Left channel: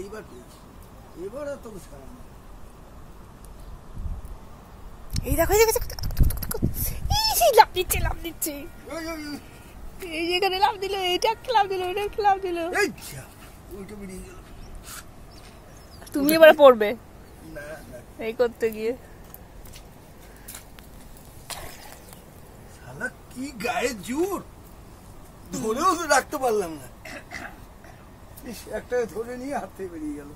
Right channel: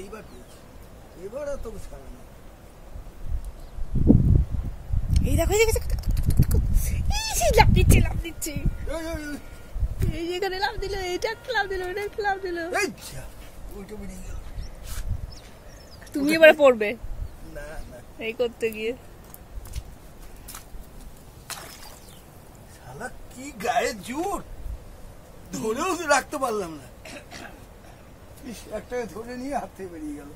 এইবার পেয়েছি, এবার আর তোকে ছাড়া না। এই দেখো লাভ দিচ্ছে লাভ দিচ্ছে, এই যেখানে লাভ দিল, এইটা একটা লাভ দিল, ওইটা একটা লাভ দিল। তুমি এবার পড়বে এই করতে গিয়ে। শালা কি গায়ে জোর, ধরেও তো রাখতে পারলাম না। একটা ধরে নিয়ে হাত থেকে বেরিয়ে গেল।